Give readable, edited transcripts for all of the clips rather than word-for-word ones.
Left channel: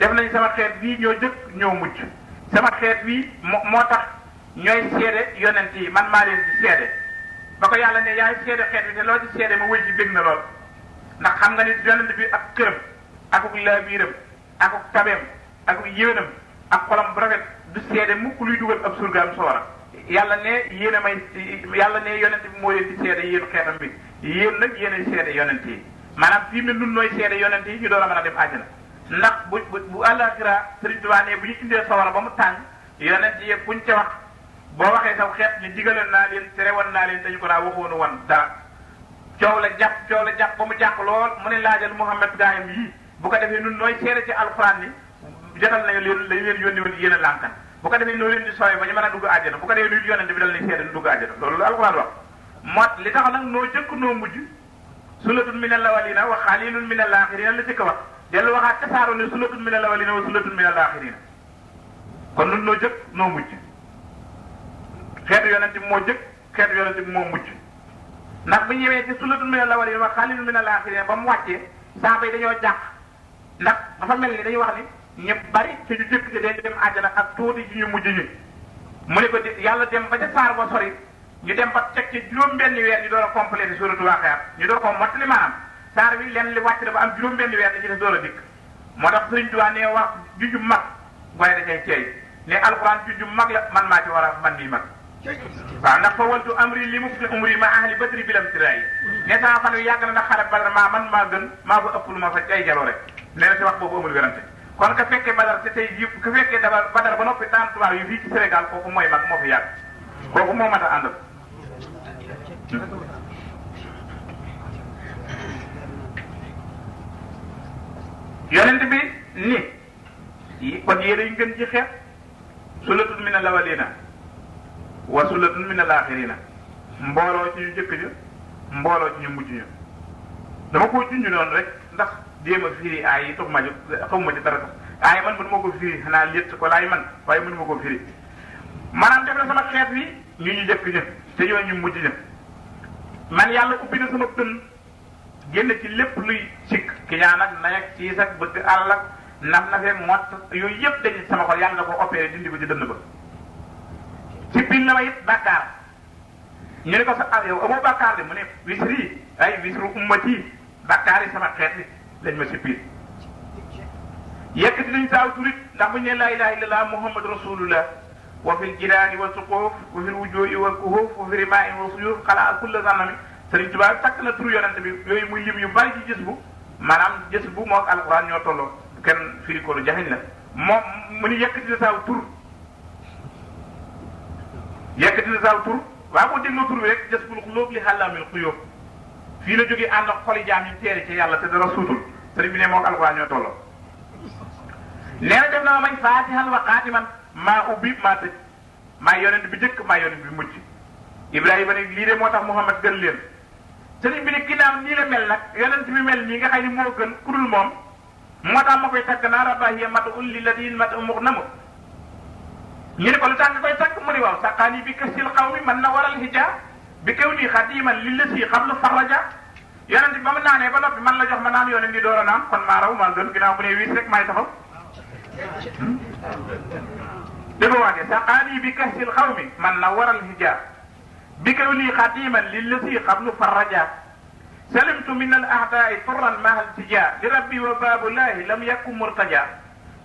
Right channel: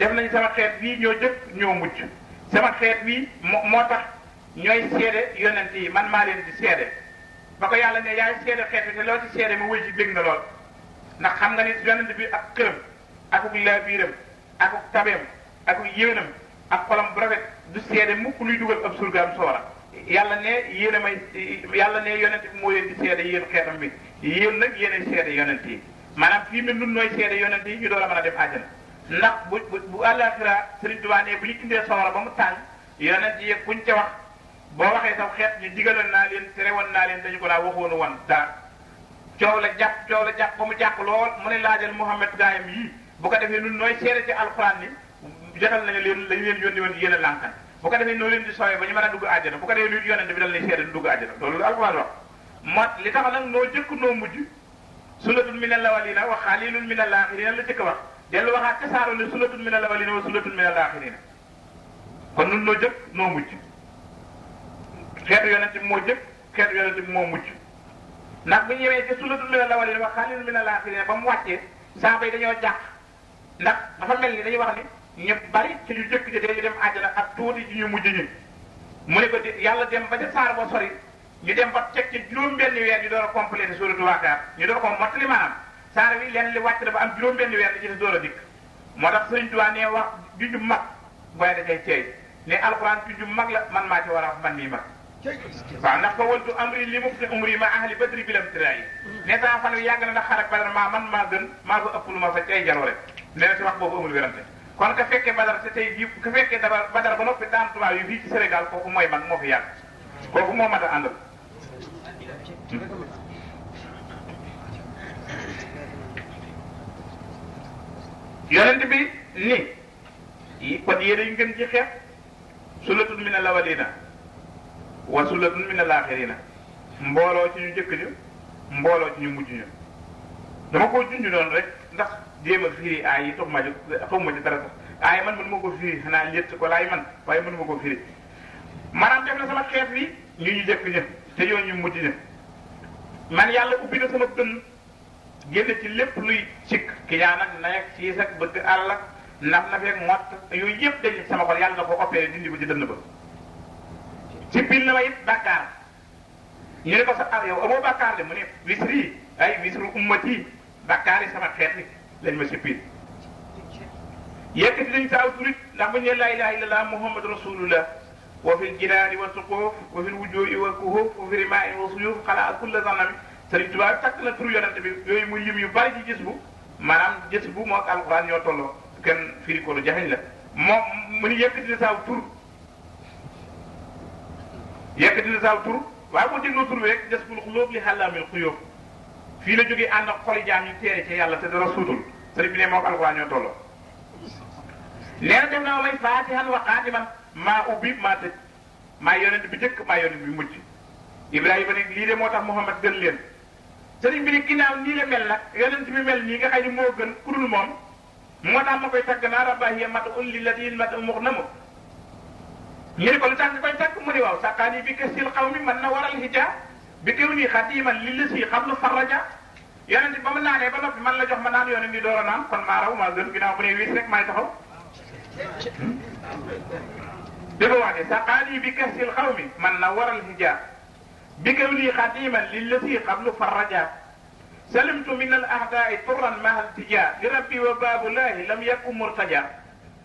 def nañ sama xeet wii ñoo jëkk ñoo mucc sama xeet wii moo tax ñooy seede yonent yi man maa leen di seede ba ko yàlla ne yaay seede xeet bi te loo ci seede ma wéy ci bég na lool ndax xam nga ni yonent bi ak këram akuk laabiiram akuk tabeem akuk yéenam ak xolam bu rafet du seede mukk luy dugal ab surgaam soora yàlla ne yéen a may yàlla ne yonent bi moo leen di seede yéen xeetam bi yéen nag yéenay seede yonent yi maanaam fii mu ne nun nooy seede yonent yi ñu door a mën a dem àjjana ndax bu àllaaxira Sëriñ Tuubaa ne bu ñu indee sawara ba mu tàng yonent yi buñ ca wax boo waxee saw xeet ñu digaloon naa leen terewoon naa leen dañu ko laa waxoonu wan dara coow la jàpp ba mu jàq lool mu ne laajal Muhammad gaayam yii bu ko defee nun nooy seede ci alxuraan ni jotal nañu leen lañu leen yónni woon yéen a lànkan bu ko defee noo leen di sooyee ba ñu mën a dugg àjjana bu ko defee luy yonent bi dal lay seede du dugg àjjana loolu la alxuraan wax moo li tax nag noo jëkk noo mujj sunnatun minal awwalina wa xalilun minal axirina la jëkk wax dellu waxaat ca saaro ne sunnatun minal awwalina wa sunnatun minal axirina kon nun noo jëkk noo mujj xeetu yonent bi moo jëkk xeetu yonent bi moo mujj ndax bu ñu yemee ci sunnatun minal awwalina wa xalilun minal axirina ba mu wàccee saaba yi dañoo jàq ndax dafa mel ni dañuy wax ni ñu bari ci ñu jëkk ci dañu dem àjjana ak tuuti ci ñu mujj ñi mu ne ko yàlla dem ba ca saar ba sori ñu dem ba teg ci juróom-benni weer ñu door a complété suuratu Waaqia ñu door ko mottali maanaam saar bi lenn li wàcc na ba am juróom-benni weer da ci des door a dikk moo tax Sëriñ Tuubaa ne wax junju mag waaye da cay ceey ne alxuraan junju mag la man maa ci war a man nii mag waaw ndax fa wantu amri li mu fi umri ma ahli badri bilam tirayi ne sama fan wi yàgg na ndax xare Badar maa gën maa fa ëpp lu ma fa ay jaloore nee na si wax boobu amul werante kon ka fekkee Badar te tey jii ka fekkee Badar ba noppi daan tubaab yi fii ci Sénégal kooku mooy mag moo fi yàgg kooku moo mat a àndal yonent bi ni kon yéen a ngeen ci xeet sulatun minal awwalina wa sulatun minal axirina mbooloo ci ñu jëkk ñu mbooloo ci ñu mujj ñu dama koo junj noonu rek ndax jéem a firi aay yi tax ma ñu xamuma ci dara aay man mënu ma ko firi xanaa létt ko laay man waaye mënu ma ko firi maanaam def na sama xeet wi ñu jëkk ñu te ñoo ñu mujj ñu man yàlla ubbi na sama dënn génn ci lépp luy sikk kiyaan ak nay ak siis ak bëgg àll ak naf na fekk mott yooyu yëpp dañ sama xol yàlla na ko opéré dindi ko ci dënn ba ci biir na ma it bàkkaar ñu ne ko sa ab yow amoo bàkkaar le mu ne wisri ay wisru ummati bàkkaar yi sama xeet yi lañ ma si biir yëkkati nañ saaw turit ndax buñ ne laa ilaha illallah muhammad rasulullah wa fi jiraani wa suqoof wa fi wujuhi wa kuhuf wa fi rimaai wa suyuf xanaa kulla zanami Sëriñ Tuubaa takk na tur yonent bi yooyu muy lim yu bari ci gis bu maanaam gis bu moo ak alquran ñoo tolloo kenn firi ko lu jafeñ la moom mu ni yëkkati na saaw tur yëkkati na saaw tur waaye boo dégloo tur bi rek gis bul xulóob li xàllaamil xuyóob fii la jógee ànd ak xoli jaam ñu teere ci yàlla te dara suutul sëriñ bi ne moo ak alquran ñoo tolloo nee na def na ma may faatihan wa xaatiman maa ubbi maa tëj maa yonent bi jëkk maa yonent bi mujj Ibrahima ne lii de moo tax Muhammad gën leen sëriñ bi ne ginnaaw nii la mel nag yonent bi mel nii nga xam ne moo gën kurul moom moo tax ma koy tagg naa rabbahiya mat'un lilladiin mat'un mughnamu ñu ne ko lu tax nga koy tagg mu ne waaw saqaani bi kasil qawmi man na waral hija bi kaw nii xadiman lillasi qablu farraja yonent bi ba mu naanee ba noppi man la jox ma naan yonent ni door a naan kon maa raw maa gën ginnaaw bu ne wiis rek maay taxaw dégg waage saqaani bi kasil qawmi man na waral hija bi kaw nii xadiman lillasi qablu farraja salimtu min al a'daai turran mahal tija li rabbi wa baabulahi lam yakun murtaja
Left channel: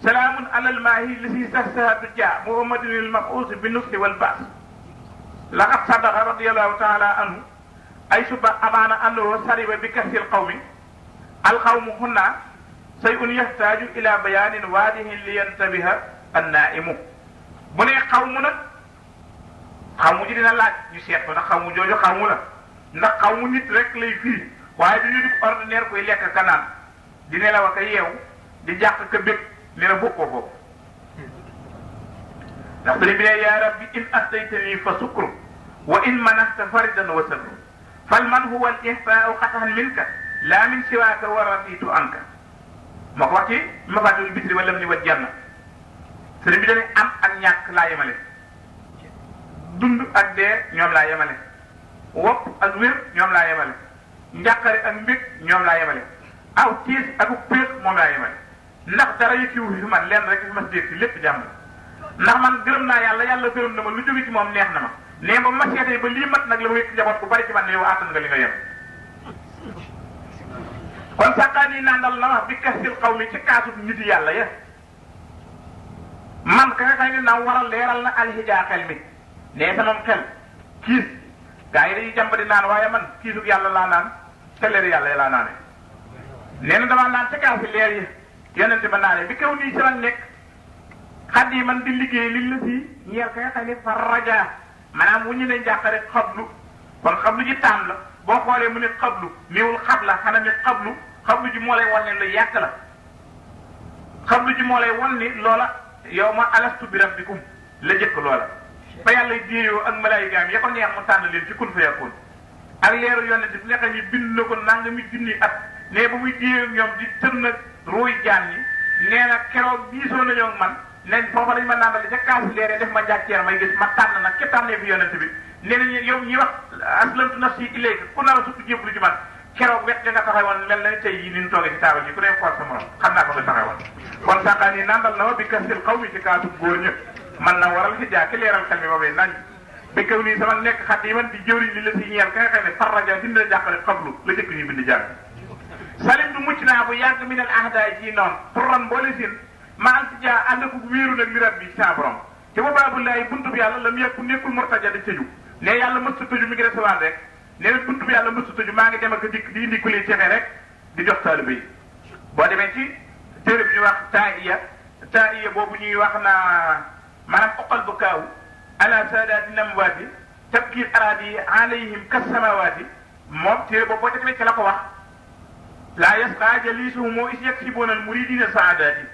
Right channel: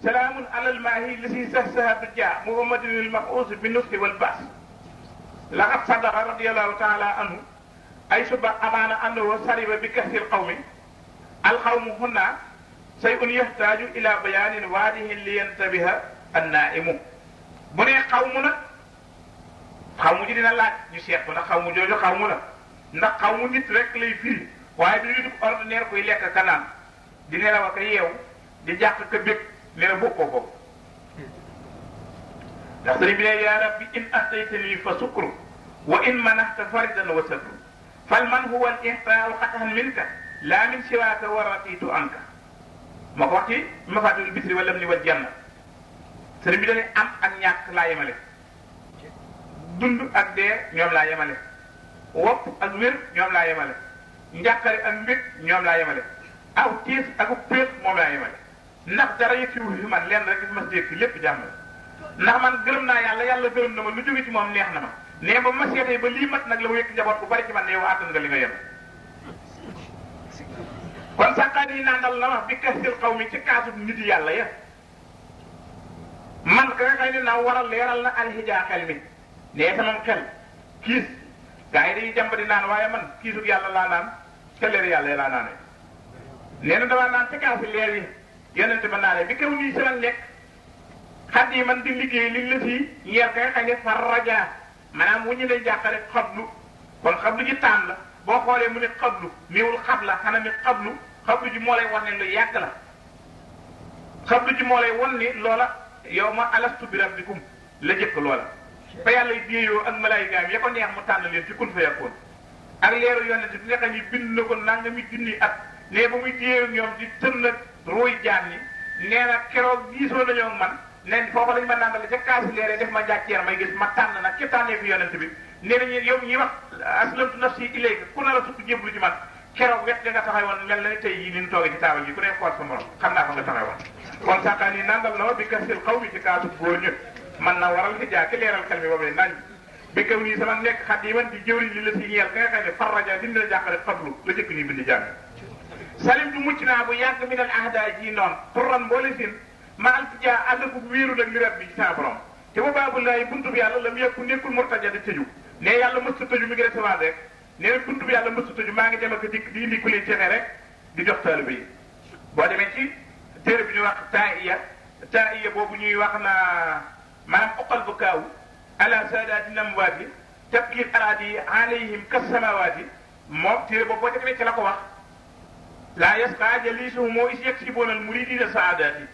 salaamun ala al maahi lisi sahsaha duja muhammadin al mabuus bi nusri wal baas laqad sadaqa radiyallahu taala anhu ay suba amaana annahu sariba bi kasri al qawmi al qawmu hunna shay'un yahtaju ila bayanin waadihin li yantabiha an naimu bu ne xawmu nag xawmu ji dina laaj ñu seet ko ndax xawmu jooju xawmu la ndax xawmu nit rek lay firi waaye du ñu dugg ordinaire koy lekk ka naan di nelaw ak a yeew di jàq ka bëgg ne la bokkoo ko ndax sëriñ bi ne yaa rabbi in astaytani fa sukru wa in manahta faridan wa sabru fal man huwa al ihsaau qatan minka laa min siwaaka wa ratitu anka ma ko wax ci mafatul bisri walam ni wa janna sëriñ bi dane am ak ñàkk laa yemale dund ak dee ñoom laa yemale wopp ak wér ñoom laa yemale njàqare ak mbég ñoom laa yemale aw tiis ak péex moom laa yemale ndax dara yëkkiwu fi man lenn rek ma dégg ci lépp jàmm ndax man gërëm naa yàlla yàlla gërëm na ma lu jóge ci moom neex na ma nee ba ma seetee ba lii mat nag la ma yëkk njaboot bu bari ci man ne yow àttan nga li nga yor kon sàkkaan yi nandal la wax bi kasil xaw mi ci kaasu nit yàlla ya man ka nga xëy ne naa war a leeral na alxijaa xel mi nee sama xel kiis gaa yi dañuy jàmb di naan waaye man kiisug yàlla laa naan te leer yàlla yi laa naane nee na damaa naan ci kaasi leer yi yonente ba naane bi kaw nii sama nekk xat yi man di liggéey liñ la si ñeer ka nga xam ne fa raja maanaam bu ñu ne njàqare xablu kon xablu ji taan la boo xoolee mu ne xablu néewul xab la xanaa ne xablu ji moo lay wan ne lu yàgg la xablu ji moo lay wan ni loola yow ma alastu bi rabbikum la jëkk loola ba yàlla déeyoo ak malaayikaam ya ko neex mu tànn leen ci kun fa yakun ak leeru yonente bi nga xam ne bind na ko nanga mi junni at ne ba muy déeyoo ñoom di tën nag ruuy jaan ñi nee na keroog diisoo nañoo ak man nen foofa dañ ma nangale ca kaasi leere def ma njàkkeer may gis ma tànn nag ci tànnee bi yonente bi nee nañu yow ñi wax aslamtu nafsi ilayka ku nar a sukk jébbalu ci man keroog wet nga taxawoon mel na tey yi ni ñu toogee ci taabal ji ku ne xool sa morom xam naa ko nga taxawoon kon sàkkaan yi nandal na ma bi kasil xaw mi ci kaasu góor ñëpp man na waral fi jaaki leeral xel mi ba muy nañ bi kaw nii sama nekk xat yi man di jëwriñ li la si ñeel nga xam ne farraja dina la jàqale xablu la jëkk ñu bind jàng salim du mucc naa bu yàgg mi nal ahda ji noonu pour ran boole sin ma al si jaa ànd ko wéeru nag mi rab bi sa borom te ba baabulaay buntu bi yàlla la mu yegg nekkul murtaja di tëju ne yàlla mës ta tëju mi ngi recevoir rek nee na buntu bi yàlla mës ta tëju maa ngi dem ak dikk di indi ku li cexe rek di jox taalibe yi boo demee ci téere bi ñuy wax taiya boobu ñuy wax naa maanaam uqal bu kaaw ala saadaati lamwaati tabkiir araadi alayhim kasamawaati moom téere boobu boo ca demee ci la ko wax laa yasqa jalisuhum moo is yaksibuuna al muridina saadaati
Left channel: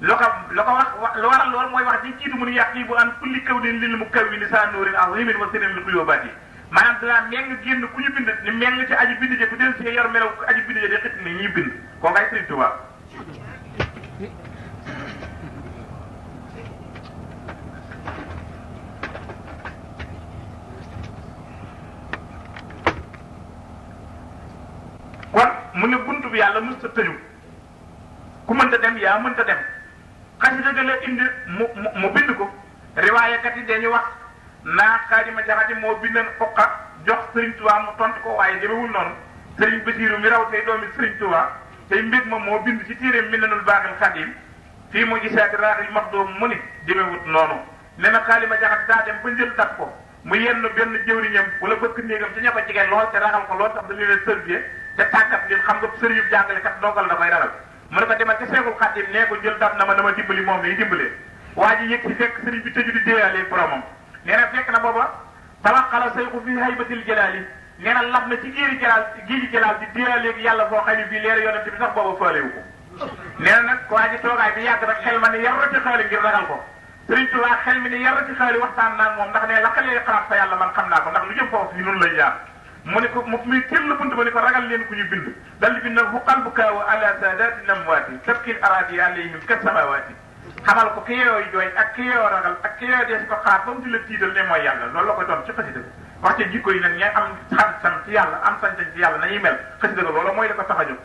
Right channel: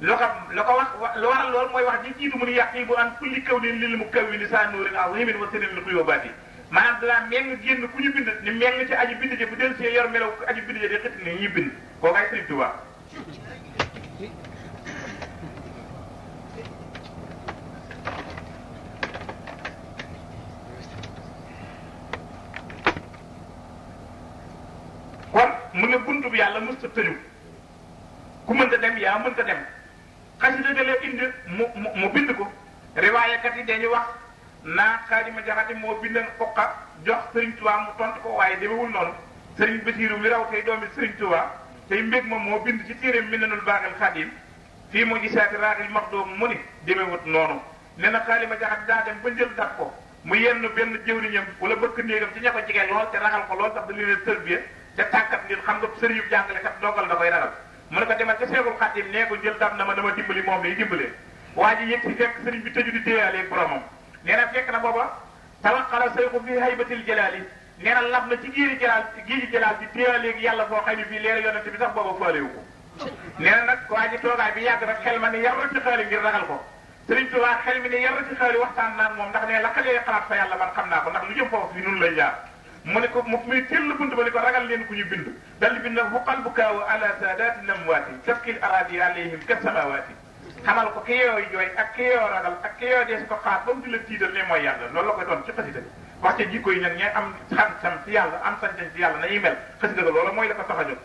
lo ko wax lu waral loolu mooy wax di jiitu mu ni yaqibu an kulli kawnin lil mukawwini saa nuurin azimin wa sinin li quyubaati maanaam danaa meng génn ku ñu bind ni meng ci aji bind je bu del see yor melaw aji bind je di xit ni ñuy bind koo kay Sëriñ Tuubaa kon mu ne buntu bi yàlla mës ta tëju ku mënta dem yaa mënta dem xasida ga la indi mu bind ko riwaayakat yi dañuy wax naa Xaadima Jaxate moo bindoon Uqa jox Sëriñ Tuubaa mu tontu ko waaye demewul noonu Sëriñ Basiiru mi raw tey doomi Sëriñ Tuubaa tey mbég ma moo bind ci téeréem Minanul Baaxil Xadiim fii mu gisaati raaxil maxdoom mu ni demewut noonu nee na Xaadima Jaxate daa dem ba njël daf ko mu yenn benn jëwriñam wala bëkk néegam ci ña ko jigéen lool te raxal ko lool tax da leen tërbiye te tàggat jël xam nga sëriñ yu jàngalekat dongal da koy ragal mu ne ko demal te Seexul Xadiim nee ko jël dam na ma dimbali moom lay dimbalee waa ji yëg si fekk sëriñ bi tëju di déeyalee boromam nee na fekk na booba tawaxala sayxu fi haybatil jalaali nee na lab na ci géeji jalaal di déeyalee yàlla foo xam ne bii leer yonent bi sax booba faalewu ko nee na nag waa ji toogaay bi yàgg rek xel ma ni yar ci xaali ngir ragal ko Sëriñ Tuubaa xel mi ni yar ci xaali waxtaan naa moom ndax ne la xalee xalaat fa yàlla man xam naa ko ndax lu jëm foofu fi nun lay jaar mu ne ko muy teel la bunt ba ni ko ragal leen ku ñu bind dal di bind bu qalbu kaaw ala saadaati namwaati tabkil araadi alayhim ka samawaati xamal ko ki yooyu jooy ak ki yoo ragal ak ki yoo dees ko xaar ba mu di la tiital ne mooy yàlla loolu la ko doon ci xasida wax ca jikko yi nag ña am xam-xam ci yàlla am sañ-sañ ci yàlla nañuy mel xasida ga loolu mooy la ko tax a jóg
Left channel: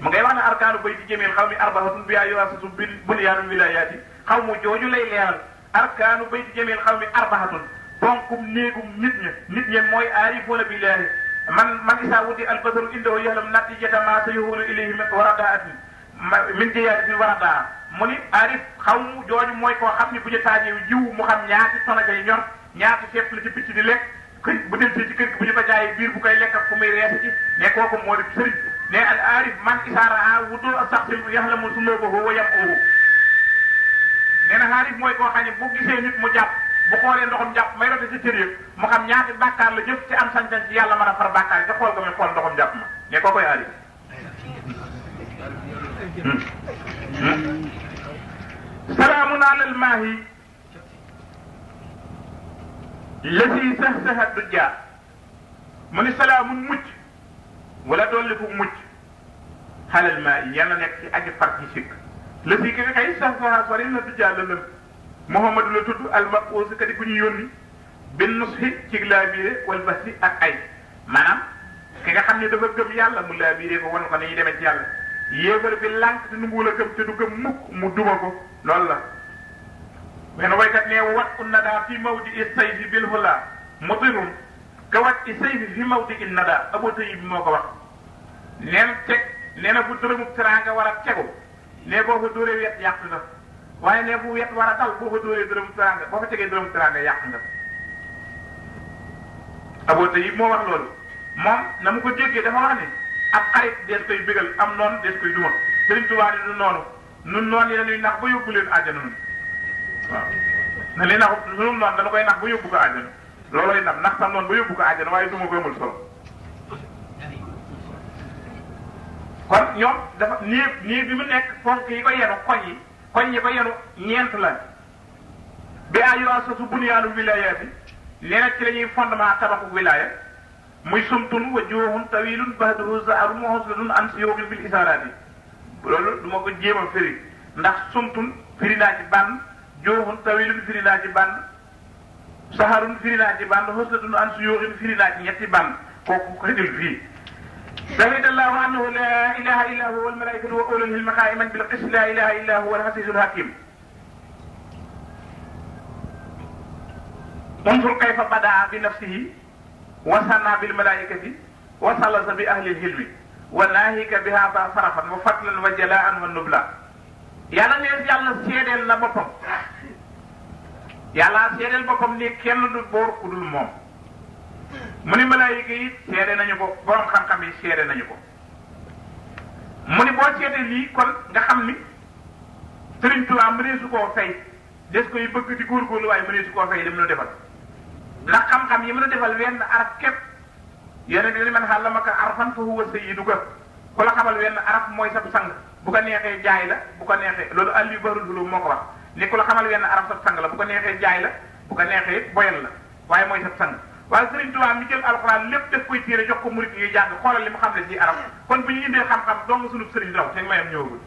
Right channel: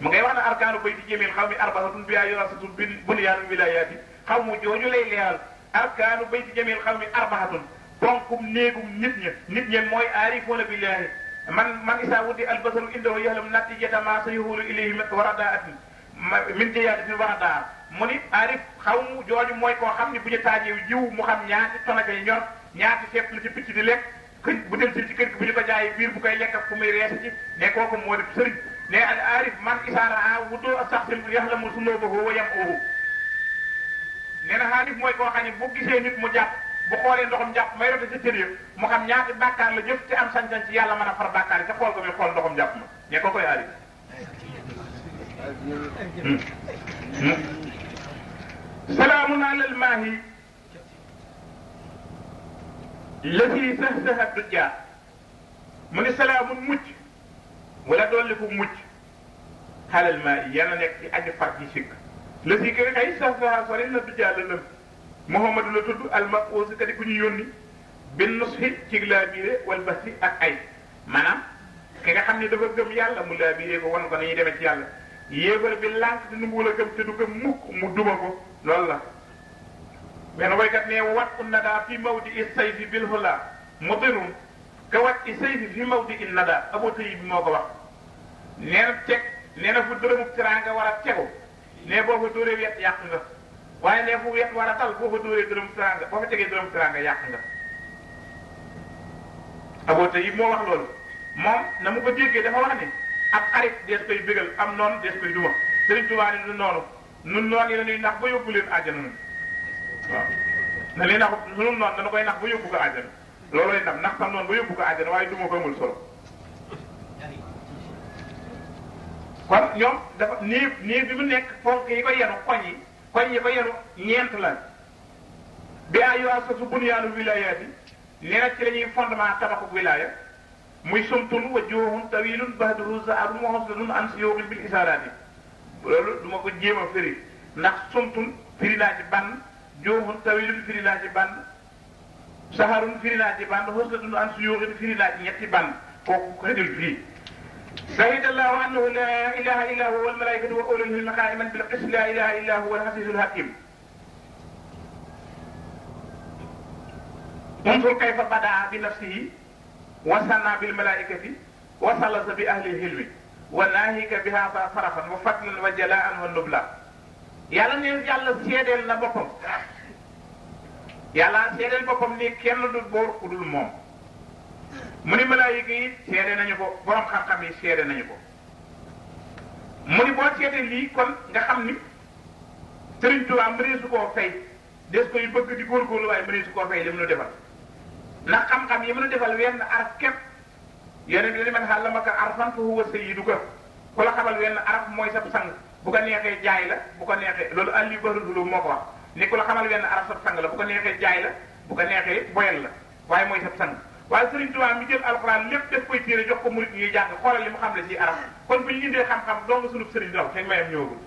mu ngay wax ne arkaanu bay di jëmeel xaw mi arbaatun bi yu'assasu bunyaanul wilaayaati xaw mu jooju lay leeral arkaanu bay di jëmeel xaw mi arbaatun bonkum néegum nit ña mooy aarifuuna billaahi man isaa wudi albasaru indahu ya'lamu natijata ma sayuhulu ilayhi min waradaatin min jiyaadatin waradaa mu ni aarif xaw mu jooju mooy koo xam ni bu ñu taajee jiw mu xam ñaati tonaka yi ñor ñaati seet la ci picc di lekk bu dem ci kër gi bu ñu ko jaayee biir bu koy lekk ak fu muy rees ci ne kooku moo di sëriñ ne al aarif man isaara wudu saxsil yaxlamu sunuubahu wa yam'uhu nee na aarif mooy koo xam ne bu gisee nit mu jàpp bu xoolee ndoxam jàpp may rote ci cër yi mu xam ñaati bàkkaar la jëf ci am sañ-sañ ci yàlla mën a far bàkkaar yi te xool ko muy xool ndoxam jàpp ma ne koo koy aarif salaamun alal maahi lasi sahsaha dujjaa mu ni salaamun mucc wala dolli fu mucc alal maahi yàlla nekk ci aji far ji sikk lasi ki kay sahsaha sori la dujjaa la lëm Muhammadu la tudd al-mabuus kadi ku ñu yónni bin nushi ci laabiire wal basi ak ay maanaam ki nga xam ne dafa gëm yàlla mu laabiire ko wan ko ni ñuy demee ci yàlla yéefar bi lànk di nanguwul a gëm te du gëm mukk mu duma ko loolu la benn waykat ne wat un nadaa fi mawdi i sayfi bil hula mudirun ka wat i sayfi fi mawdi i nadaa Abu Tayyib bi moo ko wax nee na teg nee na bu dërëmu teraanga war a tegu ne boo ko dóoree wet yàq nga waaye ne bu wet war a dal boo ko dóoree dërëmu teraanga boo ko tegee dërëmu teraanga yàq nga Abu Tayyib moo wax loolu moom na mu ko déggee dafa wax ne ak xarit des koy bégal am noonu des koy duma Sëriñ Tuubaa ni du noonu nun noonu yi dañuy nax ba yóbbu leen àjjana nun waaw na li nax sunu noonu dana koy nax ba yóbbu ko àjjana loolu lay nax sam noonu ba yóbbu ko àjjana waaye duma ko amul solo kon ñoom dafa nii bi mu nekk foofu yi ko yenu koñ yi ko yenu ñeent la bi ay yoo sosu bunyaanu wilaya bi nee na ci la ñuy fondement tabaxu wilaya muy sumtun wa juuxun tawilun bahduhu zaarun muhassadun an siyuxin bil isaaraati loolu du ma ko jéem a firi ndax sumtun firi naa ci bànn juuxun tawilun firi naa ci bànn saharun firi naa ci bànn muhassadun an siyuxin firi naa ci ñetti bànn kooku ko xëjul fii شهد الله أنه لا إله إلا هو والملائكة وأولو العلم قائما بالقسط لا إله إلا هو العزيز الحكيم انظر كيف بدأ بنفسه وثنى بالملائكة وثلث بأهل العلم وناهيك بهذا صرفا وفضلا وجلاء والنبلا yàlla ne yàlla seedeel na boppam yàlla seedeel boppam ni kenn du boor ku dul moom mu ni malaayika yi seede nañu ko borom xam-xam yi seede nañu ko mu ni boo seede lii kon nga xam ni Sëriñ Tuubaa mëneesu koo fay des koy bëgg di góorgóorlu waaye mëneesu koo fay li mu nu defal ndax xam-xam yi mu nu defal wenn araf képp yéen a man allamaka arfan fa huwa sayyiduka ku la xamal wenn araf mooy sab sang bu ko neexee jaay la bu ko neexee loolu Aliou Barroso moo ko wax ni ku la xamal wenn araf sab sang la bu ko neexee jaay la bu ko neexee boyal la waaye mooy sab sang waaye Sëriñ Tuubaa mi jël alxuraan lépp def koy téere jox ko murit yi jàng xoolal li mu xam ne si arab kon bu ñu indee xam-xam dong sunu sëriñ dox te mayam ñëwagul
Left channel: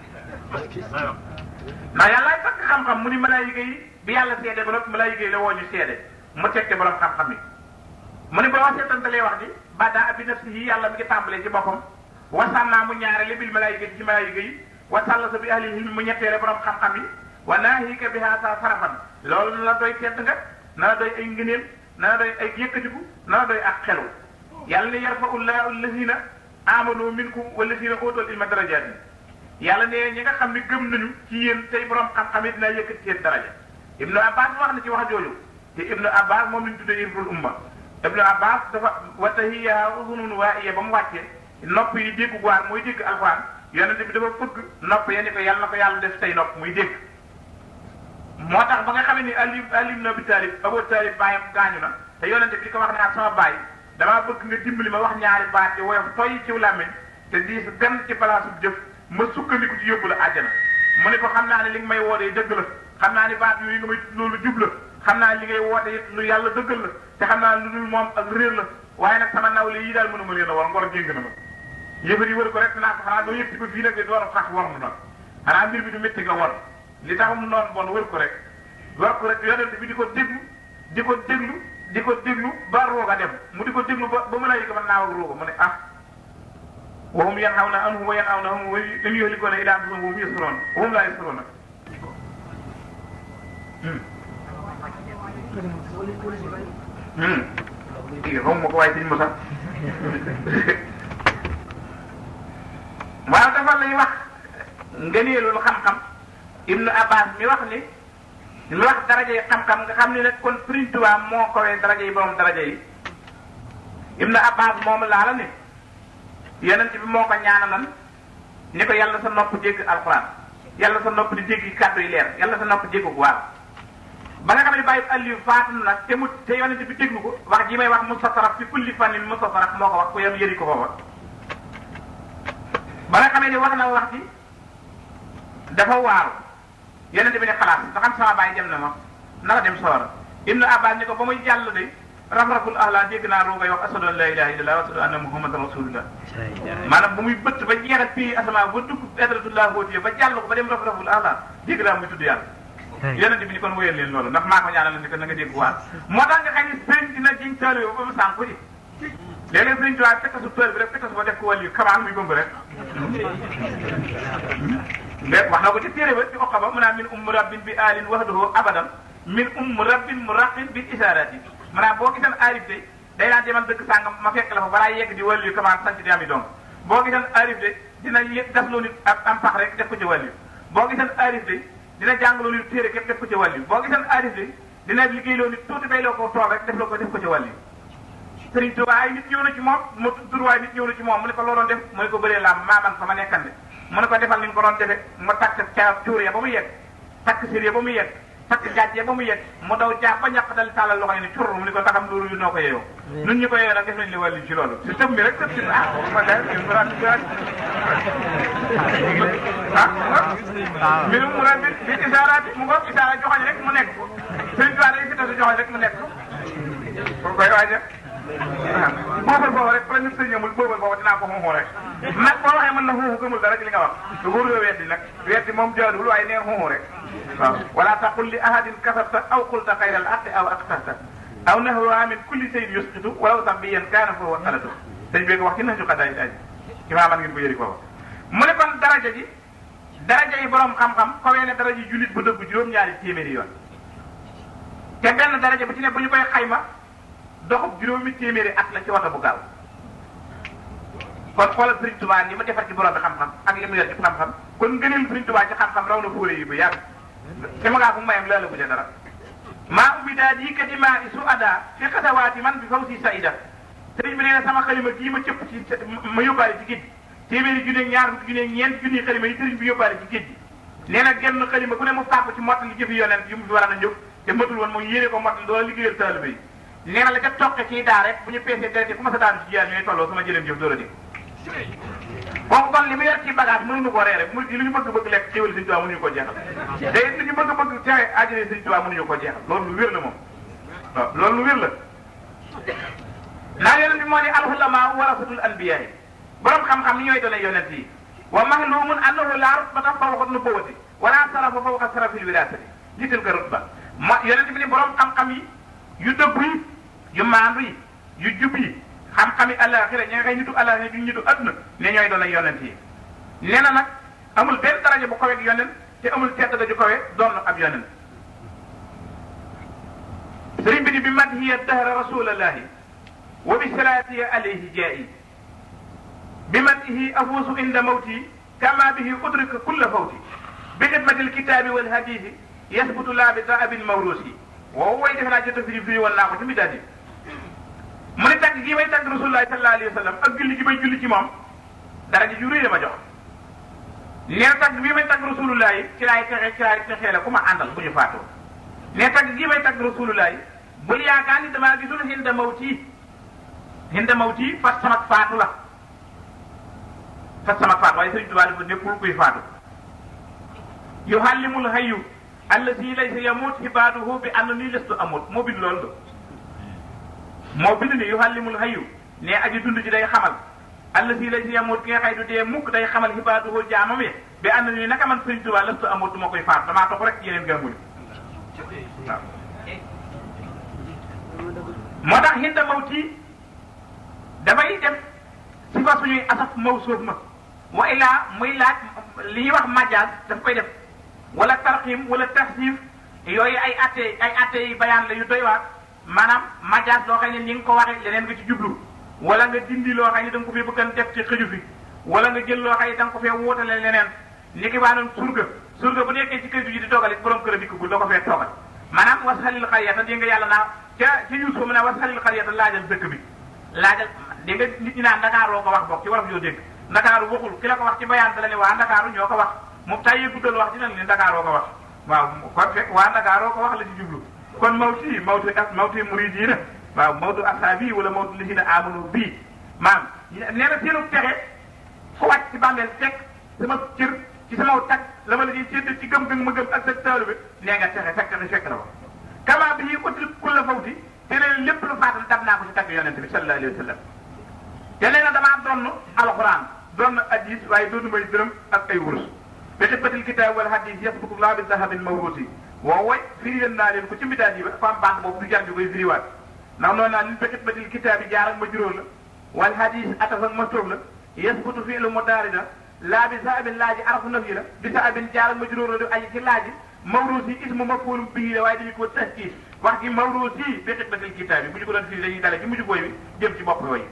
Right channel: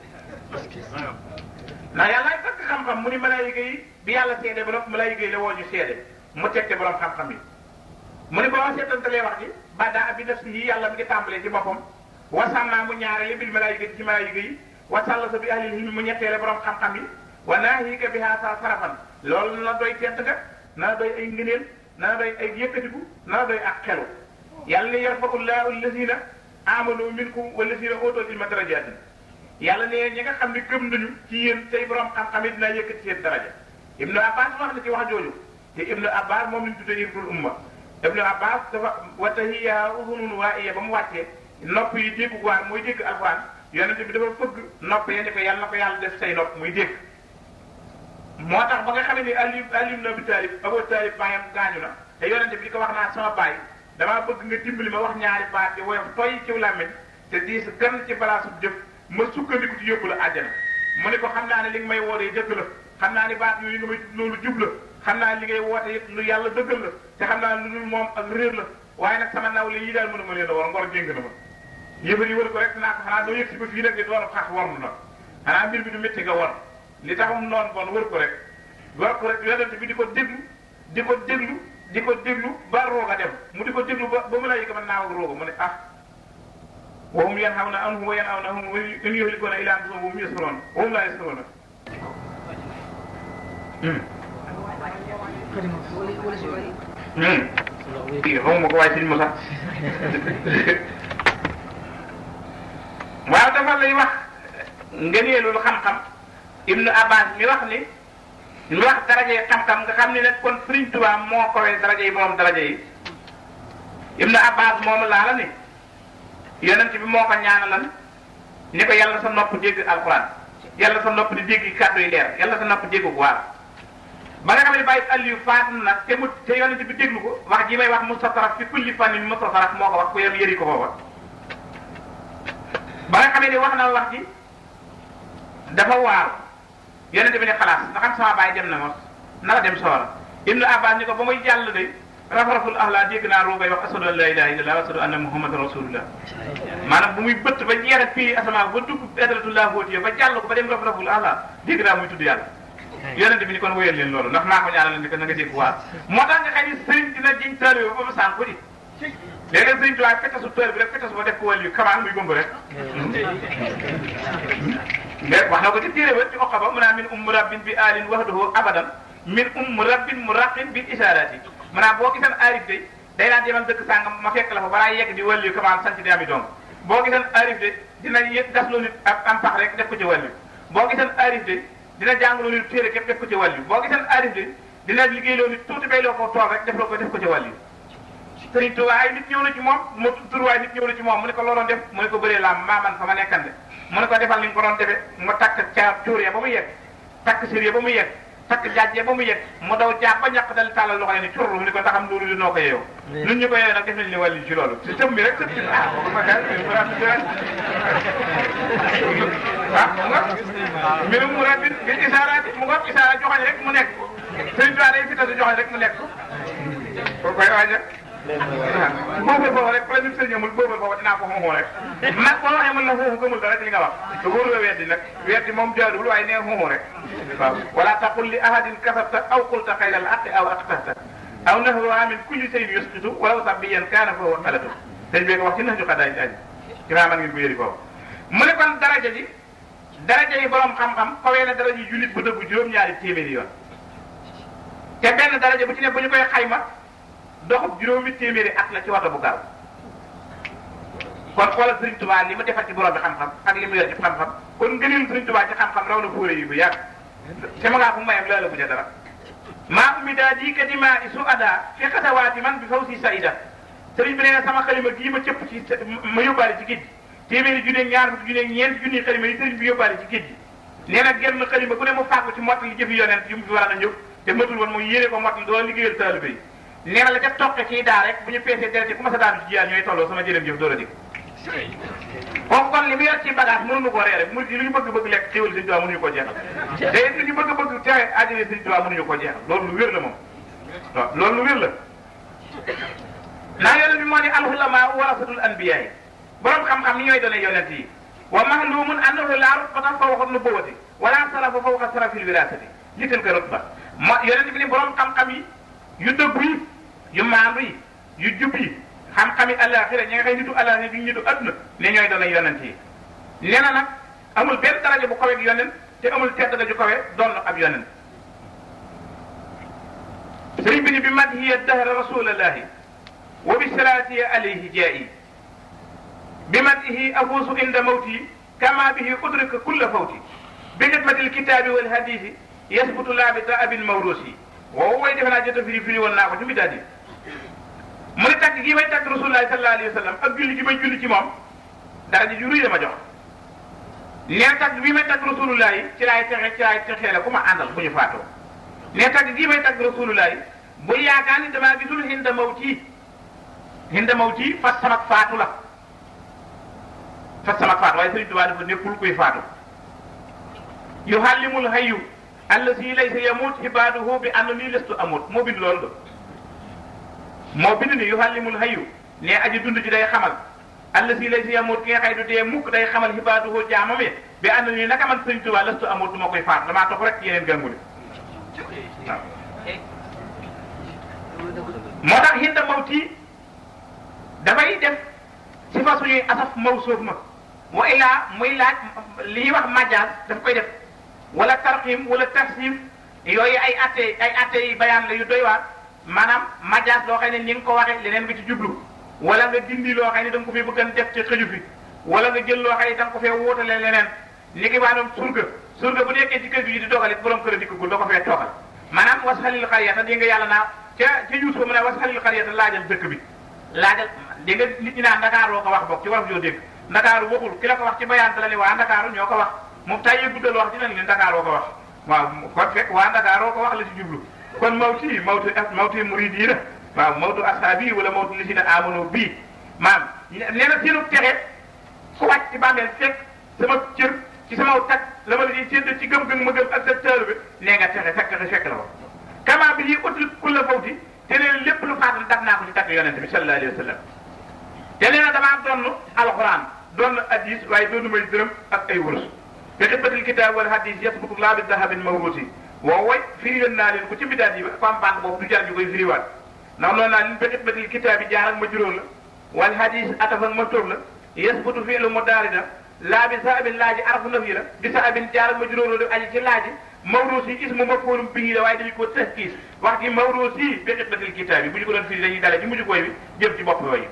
ndax yàlla takk xam-xam mu ni malaayika yi bi yàlla seede ba noppi malaayika yi la woo ñu seede mu tegte borom xam-xam yi mu ni ba wax seetantalee wax ni bada bi def si yi yàlla mi ngi tàmbalee ci boppam wasannaa mu ñaarele bil malaayika yi ci malaayika yi wasallasa bi ahli yi mu ñetteele borom xam-xam yi wa naahika bi haasa sarafan loolu na la doy tedd nga na la doy ay ngëneel na la doy ay yëkkatiku na la doy ak xelu yàlla ni yarfa'u llaahu allazina amanu minkum wallazina utul ilma darajaatin yàlla ne ñi nga xam ne gëm nañu ci yéen tey borom xam-xam yi dina yëkkati seen daraja Ibnu Abbas wax na ci wax jooju te Ibnu Abbas moom lañ tuddee Ibnul Umma Ibnu Abbas dafa wa tahiyya udhunun waa'iya ba mu wàccee nopp yi dégg waar mooy dégg alxuraan yonente bi dafa fëgg nopp ya ni ko yàlla na ko yàlla def say nopp muy dégg moo tax ba nga xam ne Ali ibn Abi Talib Abu Talib baayam gaañu na te yonente bi ko wax naa sama baay damaa bëgg nga dimbali ma wax ñaari baat ci woyof toy ci làmmiñ te diis gan ci balaasu jëf ma sukkandiku ci yóbbu la àjjana mu ne ko xam naa ne li nga may wootee dëgg la xam naa ne baat yi nga may loolu jub la xam naa li ngay woote lu yàlla dëggal la te xam naa lu dul moom ak réer la waaye nag sama nawle yi daal mënuma leen a war ngor génn na ma yëfar yi wër ko rek naa ko xanaa doo yëg si ko fii nag de door a xax war mu nag xanaa mbir bi du métti nga war li taxum noonu bon wër ko rek yonent bi di ko déglu ba rooga dem mu di ko déglu ba mën a yëg man naaw ak rooga mu ne ah wa hum yanhawna anhu wa yan'awnahu wa in yuhlikuna illa anfusahum wa hum yash'urun wa hum la yash'urun bii de xaw ma ko waaye sëñ Moussa waaw dafa lay wax ngëneelul xam-xam Ibnu Abbas mi wax ni lu wax daraje xam-xam nga xam ni nag kon Sëriñ Tuubaa moo kowee daraje yi borom daraje yi Ibnu Abbas moomu laa la ni yonent bi moo ko ñaanalan ni ko yàlla sa nopp dégg alxuraan yàlla sa nopp di dégg kàddu yi leer yàlla sa nopp dégg waar ba nga xam ne bàyyi Aliou faatu na te yonent bi déglu ko wax ji may wax mustataraf fi kulli fannin mustataraf moo ko wax ku yëri ko foofa ba nga xam ne wax na wax ji dafa waaru yonent bi ne xalaas nga xam sama baay dem na moom naka dem soora Ibnu Abbas ni ko ba muy jàll de raf-raful ahla dégg naa roogay wax ashadu an la ilaha illallah wa ashadu anna muhammadan rasulullah maanaam bu muy bëtt ba jeex ak fii asamaa ba dugg adratullah hóotiye ba jàll ko ba dem raf-raful ahla dégg naa muy tudd yàlla yonent bi ni kon wéyal leen loolu ndax maa ko ñaanal ni ko na nga dégg waar moo tax nga xam ni sëriñ dina jiñ taalibe ba mu sànku di léeg-léeg Sëriñ Tuubaa fetasu tër bi rek fetas ba def ko wàll yu kamaan muy bëmb rek wax na ko ci téere ba ci oqa ba mu naan min rabbin bi alin wahdahu abadan min rabbin muraqin bil isarati maanaam boo giseen arif de day naan demal dëkk sàngam ma fekk la fa balaa yegg di wàll yu kamaan sanc di ami doom boo giseen arif de dina yëg gasloo nit ak am pax rek def ko ci wàll yu boo giseen arif de dina jàngaloo nit téere képp def ko ci wàll yu boo giseen arif de dina liggéeyloo nit tuuti bay loo ko tool rek def ko ci wàll yu Sëriñ Tuubaa ay nit ñëw na ci moom mu turwaay nit ñëw na ci moom mu ne ko looloon def mu ne ko bëree làmb maa man fa ma nekkan ne mu ne ko defal li nga ko doon defee nga takk ca cuuree ba mu yegg takk sirée ba mu yegg takk jaajjee ba mu yegg mu daw jaab ba ñàkk dal tàllal loxo yi ne curru mu ne ko taxam loolu li noo ko yeewoo ñun ñu ko yeewoo nag def nañ li wàllu ci loolu si tëm bi rek tëm bi mbirum mu rabbi bi isaara mu ko isaara joxoñ rek mu nekk Sëriñ Tuubaa day fitasu joxoñ rek mu nekk ko koy waaj rek boobal boobu rek la ñu sëñ amul boobal boobu dinaa ko xooxoo rek man boo waxee mën la xooxu gëmul dara li nga wax te wóoru nga weddi nag weddi moom jaaduwul waaye nee xooxoo rek waaw wala taqul li ahadin kasabta aw qulta xayral aqi aw aqtahta aw nahruha min kulli shay'in yusqitu walaw sabbiyan kaana fa huwa qalatu dañ bee ko wax ci nax ju xadaay daaj imaaman ngi ko yëri ko mu ne kon daraja yi borom xam-xam xawee na daraja jullit bu dëgg juróom-ñaari téeméeri yoon te benn daraja bu ci ne bu ñu koy xayma doxub juróomi téeméeri at la ci wata bu gaaw kon xoolal Sëriñ Tuubaa li ma defal ci borom bi xam-xam ak li mu yor ci xam-xam kon ngëneel Sëriñ Tuubaa ci xam-xam raw na fóore yi bu yàgg te ma ngaa fu mayam loola bu ja dara maa ummi daa di kadima isu ada fi xatawaati man bi faw si saida sëriñ bi nee na sama xalima gii ma cëpp ci ma yóbbaale ci géej téeméeri junne ñaar fukki junne ñeent junni xalima yi sëriñ bi yóbbaale ci géej nee na genn xalima ku ne mu fàggu ci mott li jëfi yonent yu mu fi war a ñëw te matul woon mooy yéene ko mott li doon liggéeyal taalibe yi nee na la ca toqe kii daa rek bu ñu peesee deret ku ma sa daanu ci jiyaan ñooy tolloo sama jërëm jëf doo la dégg kooku kon li mu yor ci bagage mënuñu ko reere mu lu ñu bëgg lekk xéwal Sëriñ Tuubaa mënuñu ko jeexal te it lu ñu bëgg tere àjjana Sëriñ Tuubaa mënuñu ko jeexal loolu lu wér la moom waaw loolu lu wér la naa yonent bi moo ni al-ulamaa warasatul anbiyaa borom xam-xam ni ñooy doon yonent yi wa mahlumun annahu laa rutbata fawqa nubuwwati wala sarafa fawqa sarafil wiraasati jiital ko rutba moo yonent bi ni borom xam-xam yi yu dëggu yi yu maandu yi yu jub yi xam-xami àllaaxira ña nga xëy nitu àllaaxira ñu nitu adduna ne ñooy doon yonent yi nee na nag amul benn daraja bu kawe ak yonent te amul tedd nga ju kawe doon ab yonent sëriñ bi ni bi madhiya dahra rasulallahi wa bi salaati alayhi jaa'i bi madhihi afuusu inda mawti kama bihi udrika kulla fawti bi xidmatil kitaabi wal hadiisi yasbutu laa bi daabin mawruusi waaw way defe naa jot a firi woon naa ko ci midaat yi mu ne tagg gii may tagg rasulullahi sallallahu alayhi wa sallam ak julli gi may julli ci moom dara ji ju rëy la ma jox nee na tagg bii may tagg rasulullahi ci laay texee la ku ma àndal bu ñu faatoo nee tagg gii may tagg rasulullahi bu yaakaar ni damaa gisul hinda mawti fas samak faatu la waaye Sëriñ Tuubaa dafa nekkul kuy faatu yuhallimul hayyu allazi laysa yamut ibaduhu bi annani lastu amut moo bind loolu moo bind ni yuhallimul hayyu ne aji dund ji day xamal allazi laysa yamut ki nga xëy du dee mukk day xamal ibaduhu jaamam yi bi annani naka man Sëriñ Tuubaa lastu amut du ma koy faatu damaa topp rek yeneen gànguli waaw moo tax hinda mawti dafay def si fa suñuy asaf mawsuuf ma mu illaa muy laaj li ñuy wax majaas daf koy def wala tarxim wala taxsim yooyu ay atte yi bayaan la yu doy waar maanaam majaas loo xam ne ni nga ko waxee leneen nga ci jublu wala nga dindi loo xam ne da nga ko fi bëgg a def ci xëju fi wala nga jël loo xam ne da nga ko fee wóotale leneen ni ki waa doon surga bu nekkee ci kër gi di toogal it borom kër di ko doo ko fee toogal maanaam wasxalil xariyata dégg nga yàlla naa ca Yuusuf mu ne wasxalil xariyata laajal dëkk bi laajal dégg nga nit ñi naan Dakar loo ko wax bokk ci wolof yoo dégg Dakar waxul ki la ko wax ci bayaan la ne waa Dakar ñoo ko wax moom tay yëpp dugal wax dinañ leen Dakar loo ko wax waaw kon fekk waa Dakar loo ko wax la ci jublu kon mawti muridiina waaw mawtu ashaabi wala mawtu lisina amanu bii maam nee na seenu texe ku wàcc ci bàmmeel fekk sama cër ci sama tag la ma la di sédd ci gëm-gëm ma gëm ak sa taalu bi nee nga texe fekk la ko kama bi utul kulla fawti te nee lépp lu faatu dab naa ko ci tagg yonente bi sallallahu alayhi wa sallam te nee na damaa donn alxuraan donn hadis waaye doonu may dërëm ak ay wurus bi xibbatil kitaab wala hadis yasbutu laa bi dahabin mawruusi woo way firi naa leen ko ci bidaat yi ba fam baax boobu du jar ñu koy firiwaat ndax noonu naa leen bi xibbatil kitaab yi jaar ak ma juróom la wal hadis atafan maftuuf la yasbutu fi'lu mudaari laa bi saabin laaji arafu nafi la bi saabin jaar majruur la aji ci laaji mawruusi ismu maf'uulun bihi la waaye dañu ko tahkiis wax ci mawruusi bi xidmatil kitaab bi bu ñu ko doon firi dañuy dale ci mujj koy bi jëm ci bopp yooyu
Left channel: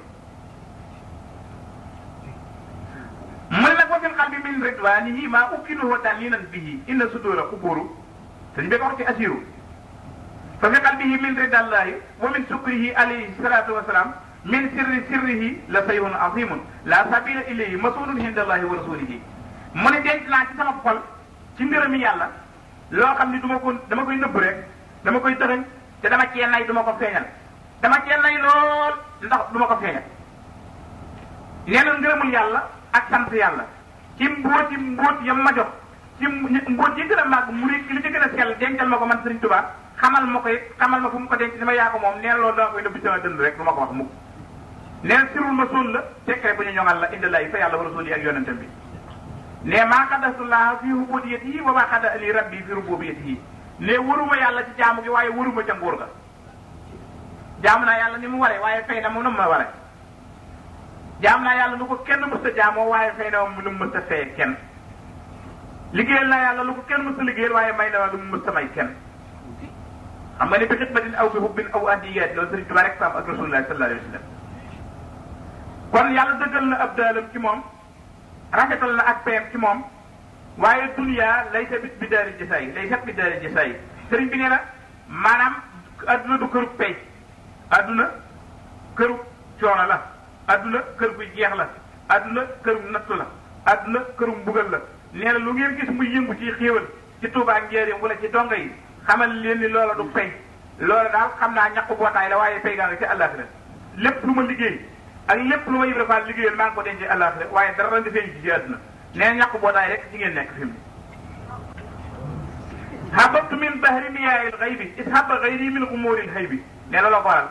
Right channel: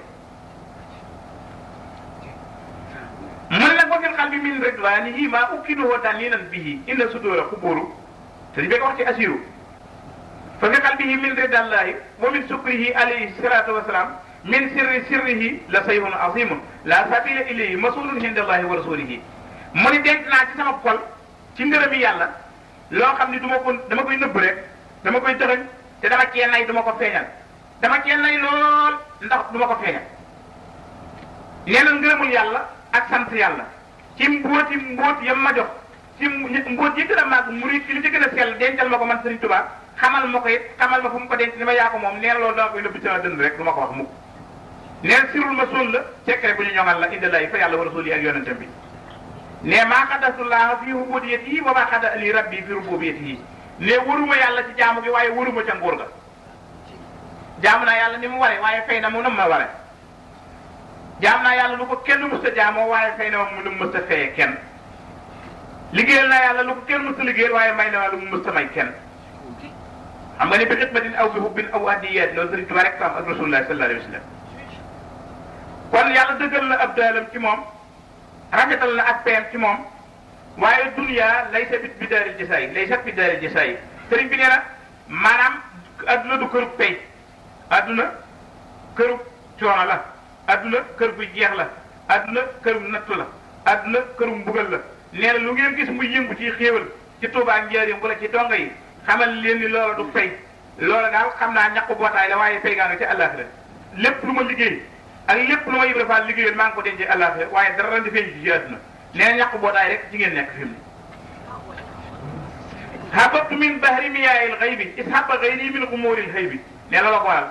mu ne nag wa fil qalbi min ridwaanihi maa ukkiduhu ta'liinan bihi inna suduura qubuuru te ñu ko wax ci asiru fa fi qalbihi min ridallaahi wa min sukrihi alayhi salaatu wa salaam min sirrihi la sayhun azimun la sabila ilayhi masulun indallahi wa rasulihi mu ni denc naa ci sama xol ci ngërëmi yàlla loo xam ni dama koy nëbb rek dama koy tëxañ te dama cee nay duma ko feeñal dama cee nay lool ndax duma ko feeñal nee na ngërëmul yàlla ak sant yàlla ci mbóot yam ma jox ci mbóot yi gën a màgg murid ci li ci gën a sell dencal ma ko man Sëriñ Tuubaa xamal ma ko it xamal ma fu mu ko denc ni ma yaa ko moom nee na loolu dama koy nëbb sama dënd rek du ma ko wax mukk neen sirul ma suul la secret bu ñu ñoŋal la indi lay fa yàlla wa rasuli ak yonente bi ne maa xadastullah fi ubudiyatihi wa maa xada ali rabbi fi rububiyatihi ne waruma yàlla ci jaamu gi waaye waruma ca nguur ga jaamu naa yàlla ni mu ware waaye fay na mu nam ma ware jaam naa yàlla lu ko kenn mësta jaamoo waaye fay na mu nu mu mësta fayee kenn liggéeyal naa yàlla lu ko kenn mësta liggéeyal waaye may na lu mu mësta may kenn xam nga ni bi xidmatin aw bi hubbin aw adiyat loolu Sëriñ Tuubaa rek am ak rasulullah sallallahu alayhi wa sallam kon yàlla dëggal na ab daalam ci moom rafetal na ak payam ci moom waaye dunya laysa bi daaril jasaay laysa bi daaril jasaay sëriñ bi nee na maanaam adduna du këru pay adduna këru coono la adduna kër bu jeex la adduna këru natt la adduna këru mbugal la nee na lu ngeen gis muy yëngu ci xéewal ci Tuubaa njëriñ wala ci donga yi xamal leen ni loola du fay loola daal xam naa ñàkk bootaay la waaye fay gaa nga ci àllaaxira lépp lu ma liggéey ak lépp lu ma Ibra Faal liggéeyal maa ngi ko dencee àllaaxira waaye dara di feeñ ci àdduna nee na ñàkk bootaay rek ci ngeen nekk fi mu hababtu min bahri miyaa'il ghaybi ishaba ghayri min umuril haybi nee na la ko waral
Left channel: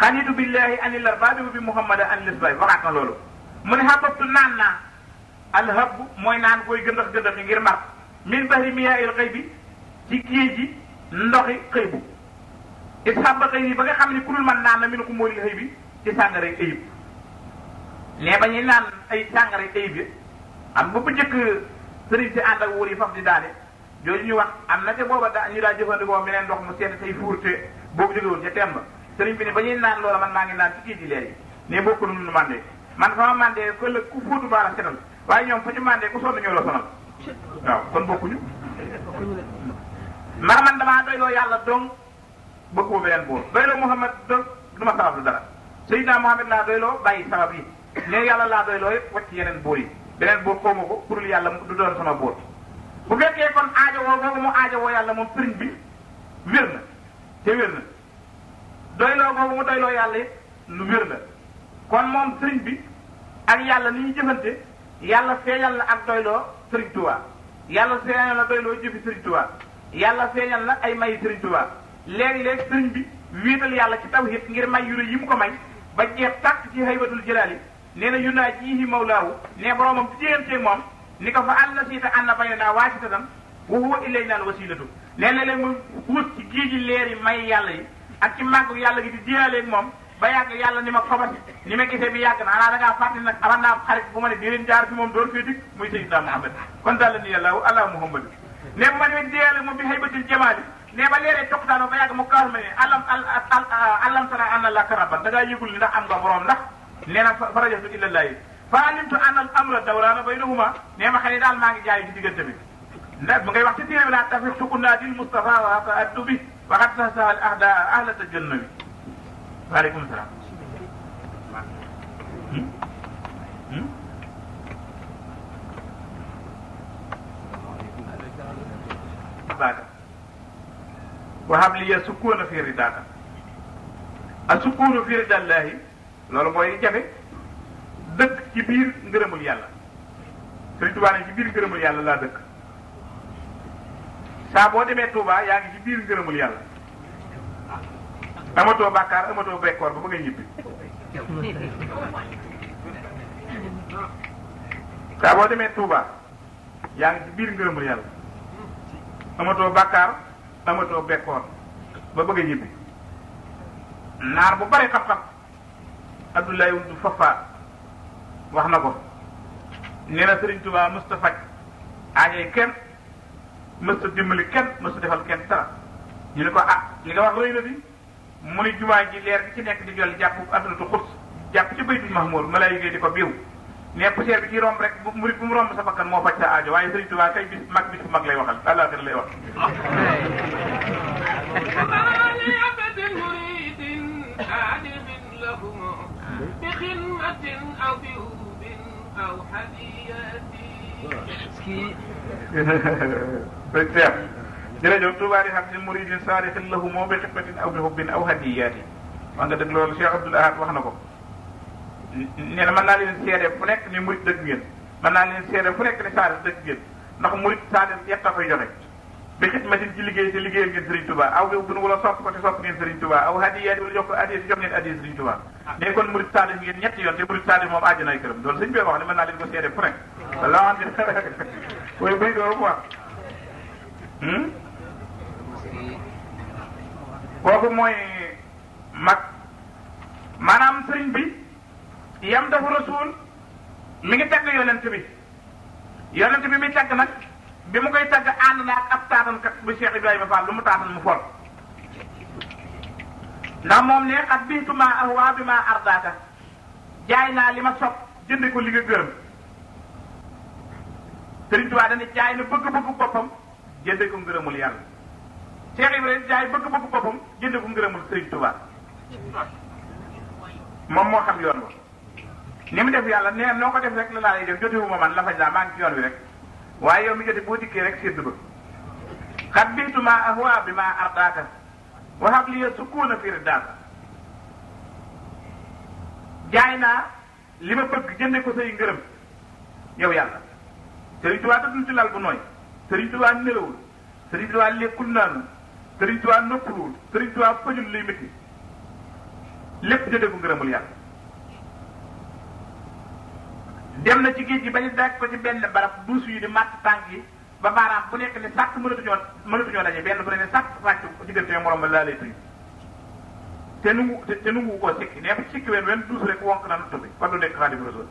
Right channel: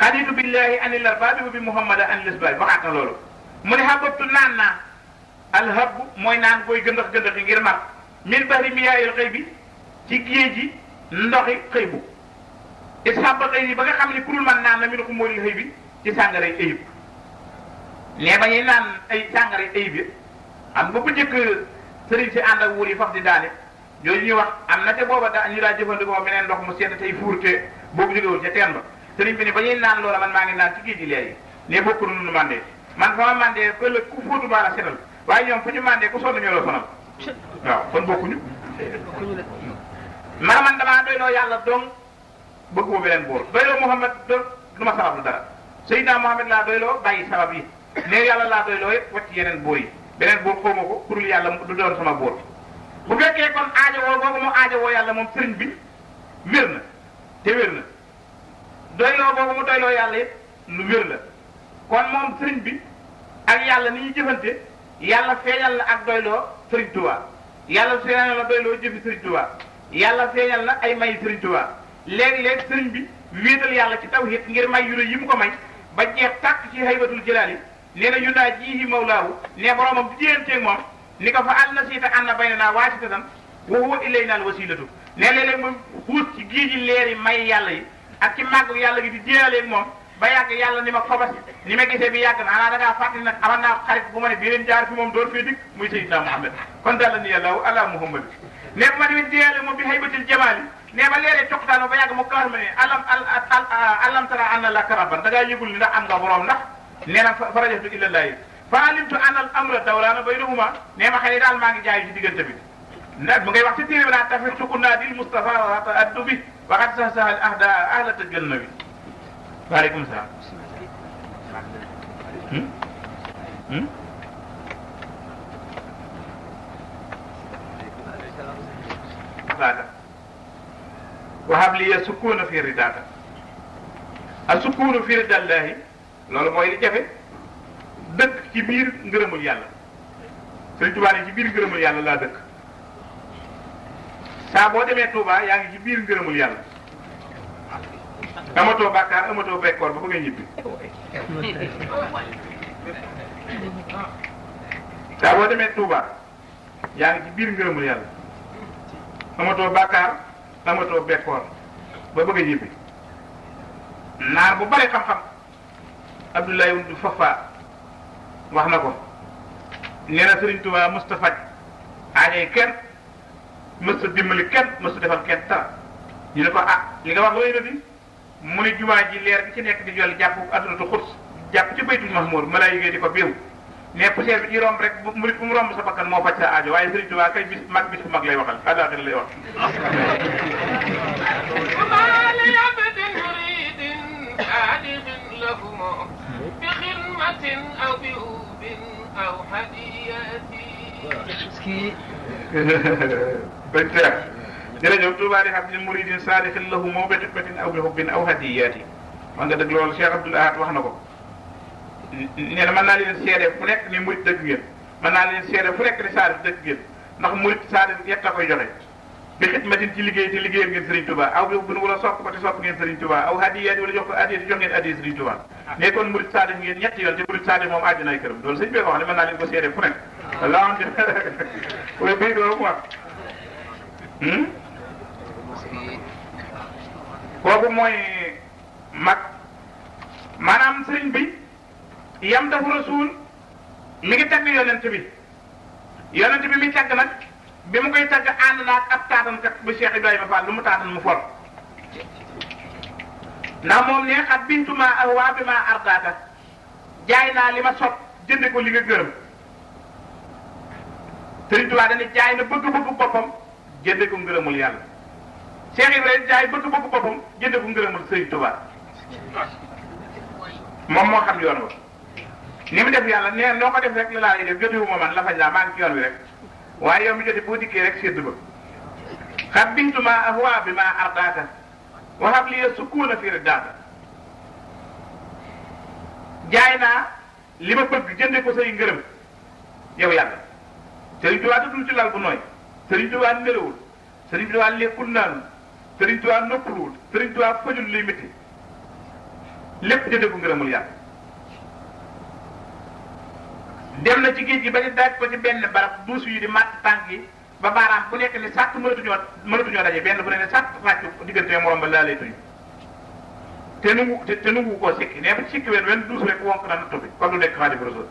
xanitu billahi anil arbaabi bi muhammada anil isbaay waxaat na loolu mu ne hababtu naan naa alhab mooy naan koy gëndax gëndax yi ngir mar min bahri miyaa'il ghaybi ci géej gi ndoxi xëy bu ishaba ghayri ba nga xam ne ku dul man naan na min umuril haybi ci sàngaray ayib ne ba ñuy naan ay sàngaray ayib yi xam nga bu njëkk sëriñ si ànd ak wóor yi faf di daane yooyu ñuy wax am na te booba daa ñu daa jëfandikoo meneen ndox mu sedd tey fuurte boobu jógewul ca teen ba sëriñ bi ne ba ñuy naan loola man maa ngi naan ci kii di leer yi ne bokku nu mandee man fa ma mandee ëllëg ku fóotu baara setal waaye ñoom fu ñu mandee ku sonn ñoo la sonal waaw kon bokkuñu man damaa doyloo yàlla donc bëgguma beneen buur doyloo Muhammad du ma sabab lu dara Seydina Muhammad laa doyloo bàyyi sabab yi ne yàlla laa doyloo it wacc yeneen buur yi beneen buur xawma ko pour yàlla du doon sama buur bu fekkee kon aajowoo boobu mu aajowoo yàlla moom sëriñ bi wér na te wér na doyloo boobu mu doyloo yàlla it lu wér la kon moom sëriñ bi ak yàlla ni ñuy jëfante yàlla feeñal na ak doyloo sëriñ Tuubaa yàlla feeñal na doyloo jëfi sëriñ Tuubaa yàlla feeñal na ay may sëriñ Tuubaa léegi-léegi sëriñ bi wéetal yàlla ci tawhid ngir may yu yi mu ko may ba jeex tàkk ci haybatul jalaali nee na yunaa jiihi mawlaahu ne boromam ci jéenteeg moom ni ko fa àll na siita ànd na bay naa waasitatan wa huwa ilayna al wasilatu ne léeg-léeg mu xuus ci géej gi leeri may yàlla yi ak ci màgg yàlla gi di jéelaaleeg moom ba yàgg yàlla ni ma xobas ni ma gisee bi yàgg na xanaa da ngaa fàttali nag aman naa xarit bu ma ne beneen jaar fi moom doon fii dikk muy Seydina Muhammad kon daal la ni yàlla ala Muhammad ne bu ma demee jéelaale moom bi haybatil jamaali ne ba leeree coqtaanoo ba yàgg mu kaar ma ne alam tara anna la karaban da ngaa yëgul ni ndax am nga borom ndax nee na farajatu ilallahi fa alimtu anna al amra dawlaana baynahuma nee ma xëy ni daal maa ngi jaayu ci diggante bi nag mu ngay wax ci téere bi naan tafi sukunaa dil Mustafa wa ta'addu bi waxat sa sahal ahda ahlata janna bi waaleykum salaam wahab liya sukuna fi ridaaka a sukunu fi ridallahi loolu mooy li jafe dëkk ci biir ngërëmul yàlla Sëriñ Tuubaa ne ci biir ngërëmul yàlla laa dëkk saa boo demee Tuubaa yaa ngi ci biir ngërëmul yàlla amatoo bàkkaar amatoo bekkoor ba ngay ñibbi saa boo demee Tuubaa yaa ngi ci biir ngërëmul yàlla amatoo bàkkaar amatoo bekkoor ba bëgg a ñibbi naar bu bari xam-xam Abdoulaye Wundu Fafa wax na ko nee na Sëriñ Tuubaa Moustapha aajay kenn mës a dimbali kenn mës a defal kenn dara ñu ne ko li nga wax wéy na bi mu ne jumaa ji leer bi ci nekk di jolli jàpp addunatu xus jàpp ci baytul mahmur malaayika di ko biiw ne poussière bi ci romb rek mu mu romb sa bakkan moo faj sa aajo waaye Sëriñ Tuubaa kay bis bu mag lay waxal àllaaxira lay wax بخدمة أو بهوب أو هدية jërëjëf Touba di xam ne muridin saadixin lahu moo bi xidmatin aw bi hubbin aw hadiyaati wax nga dëgg loolu Cheikh Abdoul Ahad wax na ko nee na mën naa leen seede fu nekk ni murid dëgg ngeen mën naa leen seede fu nekk ni saadix dëgg ngeen ndax murid saadix yett a koy joxe bi xidmatin ci liggéey te liggéeyal ngeen Serigne Touba aw bi hubbin wala sopp ko te sopp ngeen Serigne Touba aw hadiyaati wala jox ko hadiya jox ngeen hadiya Serigne Touba ne kon murid saadix ngeen ñetti yoon te murid saadix moom àjjana ay këram loolu sëñ bi wax ne mën naa leen ko seede fu nekk la way bay doo quoi kooku mooy mag maanaam sëriñ bi yam dafa rasul mi ngi tagg yonent bi mi tagg nag bi mu koy tagg ànd naa ak ab taatankat bu Cheikh Ibrahima Fall lu mu taatan mu fol ndax moom ne xat bintuma ahwa bi ma ardaaka jaay naa li ma sopp jënde ko li nga gërëm Sëriñ Tuubaa dañuy jaay na bëgg-bëggu boppam jënde ko ngërëmul yàlla Cheikh Ibrahima jaay bëgg-bëggu boppam jënde ko ngërëmul Sëriñ Tuubaa moom moo xam yoon wa ni mu def yàlla nee noo ko def rek la laa lay def jotewuma man la faj laa maa ngi ci yoon wi rek waaye yow mi jote boo dikkee rek séddu ba xat bintuma ahwa bi ma ardaaka waxab li sukkuuna fi daaka jaay naa li ma bëgg jënde ko say ngërëm yow yàlla Sëriñ Tuubaa tëddul ci lal bu nooy Sëriñ Tuubaa nelawul Sëriñ Tuubaa lekkul naanul Sëriñ Tuubaa noppaluwul Sëriñ Tuubaa fajul luy métti lépp jënde ko ngërëmul yàlla dem na ci géej gi ba ñu daaj ko ci benn barab duus yi di màtt tànk yi ba baaraam bu nekk ne sàkk mënatuñoo daje benn bu ne ne sàkk fàcc diggante morom ba laa lay tuñ te nungu koo sikki nee ba sikki wenn duus rek wonk na nattu bi kon du nekk Xaadimu Rasuul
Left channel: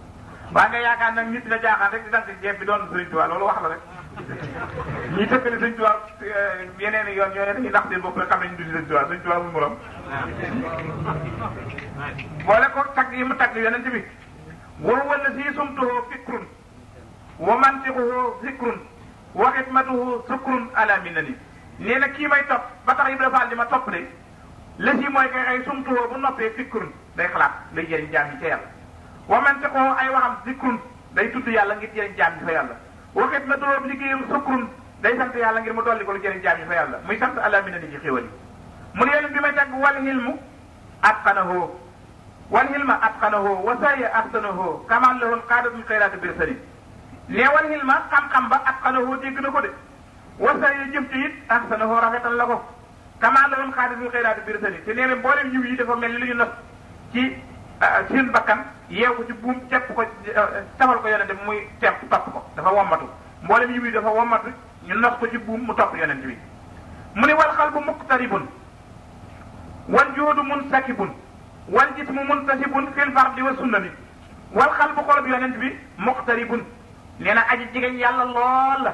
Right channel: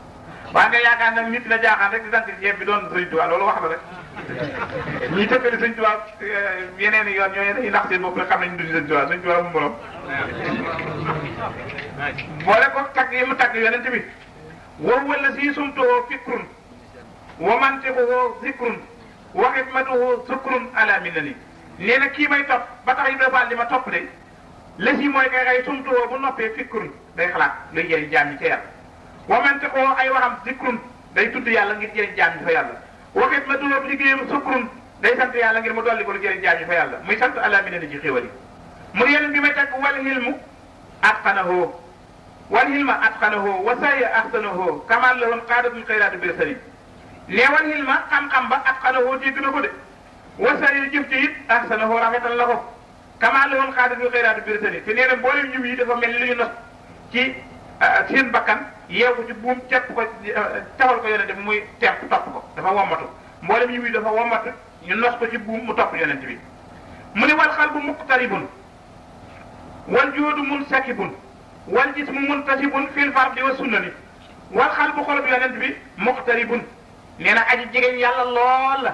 waa nga yaakaar nag nit dina jaaxaan rek di dank jeeb bi doon Sëriñ Tuubaa loolu wax la rek ñi tëkkali Sëriñ Tuubaa yeneen i yoon ñoo dañuy nax seen bopp rek xam nañ du si Sëriñ Tuubaa Sëriñ Tuubaa mu morom boole ko tagg yi mu tagg yonent bi wow wala si sumtuhoo fikrun wa mantiquhoo zikrun wa xidmatuhoo sukrun ala minani nee na kii may topp ba tax Ibra Fall li ma topp de la si mooy kay xay sumtuhoo bu noppee fikrun day xalaat day jëriñ jaam ñi ca yàlla wa mantiquhoo ay waxam zikrun day tudd yàlla ngir jëriñ jaam ñi fa yàlla wa xidmatuhoo bu liggéeyam sukrun day sant yàlla ngir mu dolli ko lu jëriñ jaam ñi fa yàlla muy sant ala minani ci xéwal yi mu ne yeneen bi may tagg wal hilmu atqanahu wal hilma atqanahu wa saya ahsanahu kamal lahum qaadatul xayraatu bir sani ne wal hilma xam-xam ba atqanahu dégg na ko de wa saya jëf ci it ahsanahu rafetal la ko kamal lahum qaadatul xayraatu bir sani te nee na mboolem yiw yi dafa mel ni lu ñu nos ci seen bakkan yeewu ci buum cepp ko tafal ko yonente bi muy tepp topp ko dafa wommatu mboolem yiw yi dafa wommatu ñu nos ko ci buum mu topp yonente bi mu ne wal xalbu muqtaribun wal joodu munsakibun wal jismu muntasibun fil fardi wa sunnani wal xalbu xolub yonent bi muqtaribun nee na aji jigéen yàlla lool la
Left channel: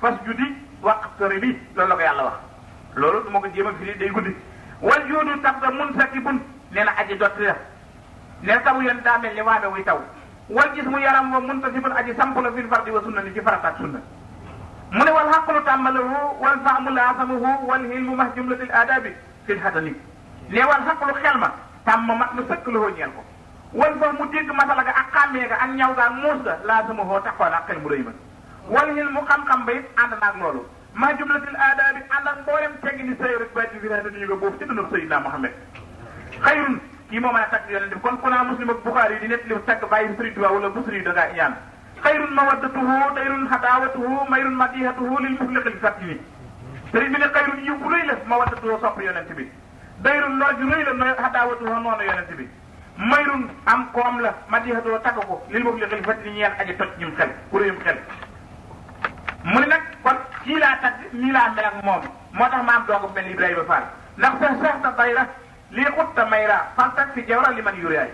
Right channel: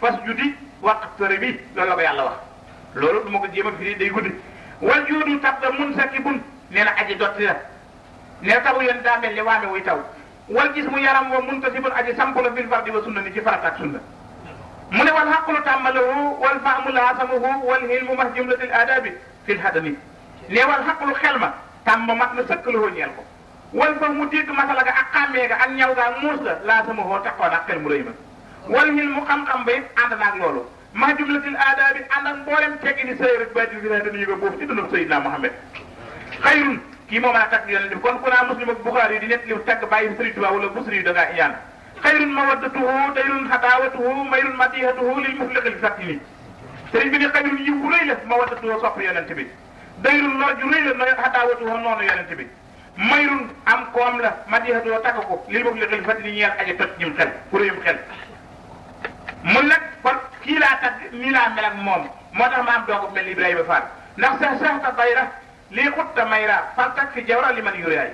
fas judi waqtaribi loolu la ko yàlla wax loolu du ma ko jéem a firi day guddi wal joodu tabda munsakibun nee na aji dotti la nee na tawu yonent daa mel ni waame wuy taw wal jismu yaram wa muntasibun aji sampu la fil fardi wa sunnani ci farata ak sunna mu ne wal xaqlu tàmmalahu wal faamu laasamuhu wal hilmu mah jumlatil aadabi fil hadani nee wal xaqlu xel ma tàmm mat na sëkk la ñeel ko wal fa mu dégg masala ga ak xàmmee ga ak ñaw ga ak muus ga laa sama hoo taxoon ak xel mu rëy ma wal xil mu xam-xam ba it ànd naag loolu ma jumlatil aada bi ànd ak mboolem teggi di sëy rek bàyyi fi dañuy ko boobu ci dundub Seydina Muhammad xayrun kii moo mën a tagg yonent bi kon ku naa Muslim ak Buxaari yi di nekk li tagg bàyyi Sëriñ Tuubaa wala Busiri yi da ngaa iyaan xayrun mawaddatuhu dayrun xadaawatuhu mayrun madihatuhu lil mufliqil fatini sëriñ bi ne xayrun yiw bu rëy la mawaddatuhu sopp yonent bi dayrun lool ju rëy la xadaawatuhu noonu yonent bi mayrun am koom la madihatuhu tagg ko lil mufliqil fatini ñeel aji toj ñim xel pour yim xel mu ne nag kon kii laa tagg nii laa mel ak moom moo tax ma am doog mel ni Ibrahima Fall ndax sax ta dayra lii xutta mayra faltak fi jawra li man yuraay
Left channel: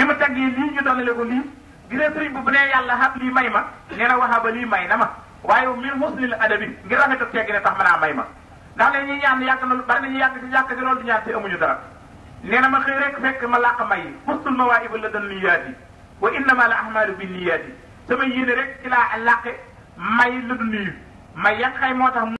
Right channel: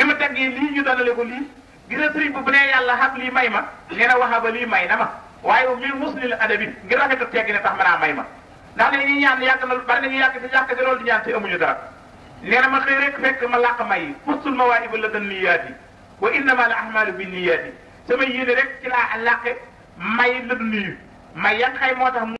bi ma taggee lii ñu doonale ko lii gis nga sëriñ bu nee yàlla xam lii may ma nee na waxaba lii may na ma waaye min musnil adabi ngir rafetu teggi ne tax mën a may ma ndax dañuy ñaan yàgg na bari nañu yàgg si yàgg si loolu di ñaan si amuñu dara nee na ma xëy rek fekk ma làq may yi ustul mawaahibu la dan niyaati wa innama al ahmalu bi niyaati sama yéene rek ci laa làqe may la du nuyu may ya nga xëy moo tax